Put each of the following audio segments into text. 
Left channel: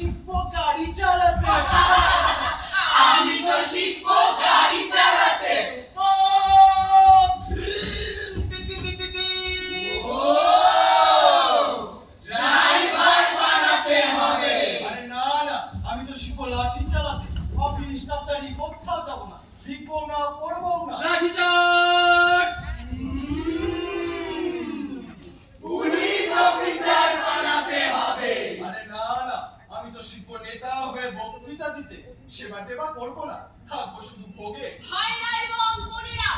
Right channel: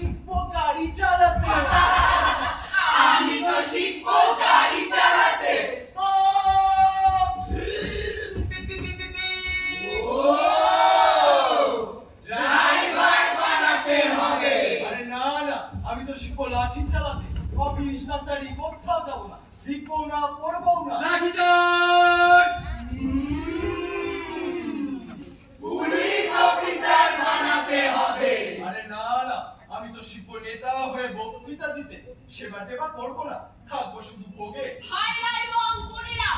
শিখব গাড়ি চালাতে। আমি তো শিখব গাড়ি চালাতে। আমি তো শিখব লাঠি চালাতে। অফিস না চারি কোথাও যাব না। লিখব না পড়ব না। লাঠি চাট! আমি তো শিখব নেতা হয়ে বক্তৃতা দিতে। সেবা টেবা করব না থাকব শুধু ভোগে। ভাইরা এবং বোনেরা।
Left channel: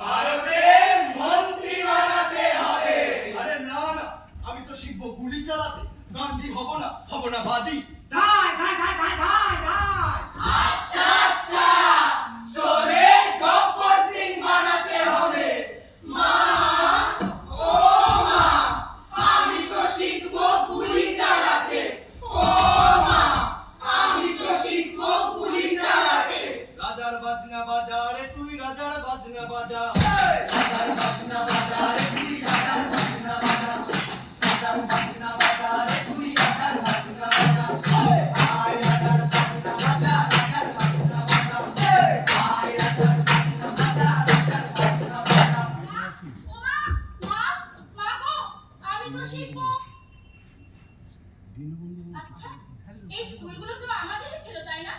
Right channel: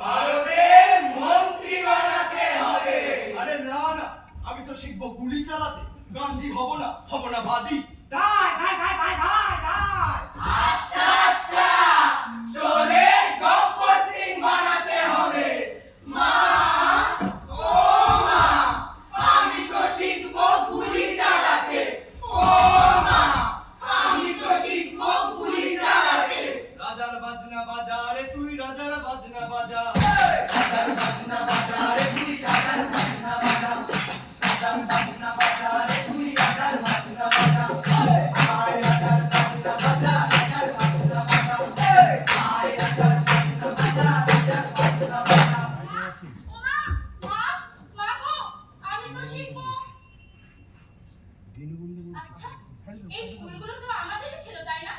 ভারতের মন্ত্রী বানাতে হবে। আরে না না আমি তো শিখব গুলি চালাতে। গান্ধী হব না হব না বাদী। এই স্কুলগুলো তো আমাদেরই ছিল তাই না?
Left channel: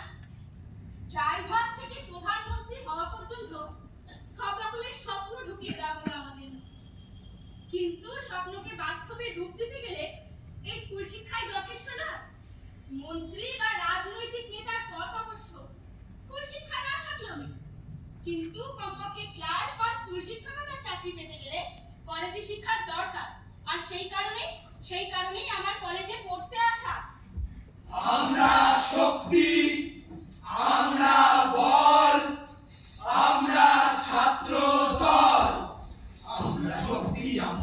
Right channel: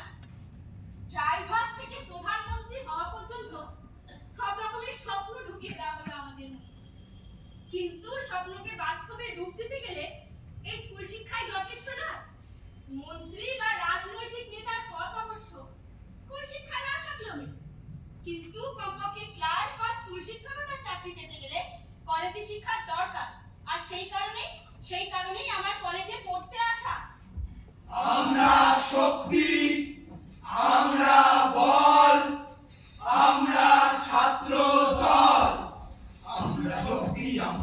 কিন্তু স্বপ্নকে বাস্তবে রূপ দিতে গেলে এই স্কুল শিক্ষায় যথেষ্ট না মন্ত্রী বা রাজনৈতিক নেতার পথ অবশ্য স্কুল শিক্ষা না থাকলেও কিন্তু কমপক্ষে ক্লার্ক বা স্কুল শিক্ষকতার চাকরি পেতে গেলে কলেজে শিক্ষার দরকার। আর সেই কারণে, সেই কারণেই আমার কলেজে পড়তে আসা। আমরা শক্তি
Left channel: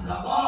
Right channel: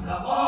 Come on.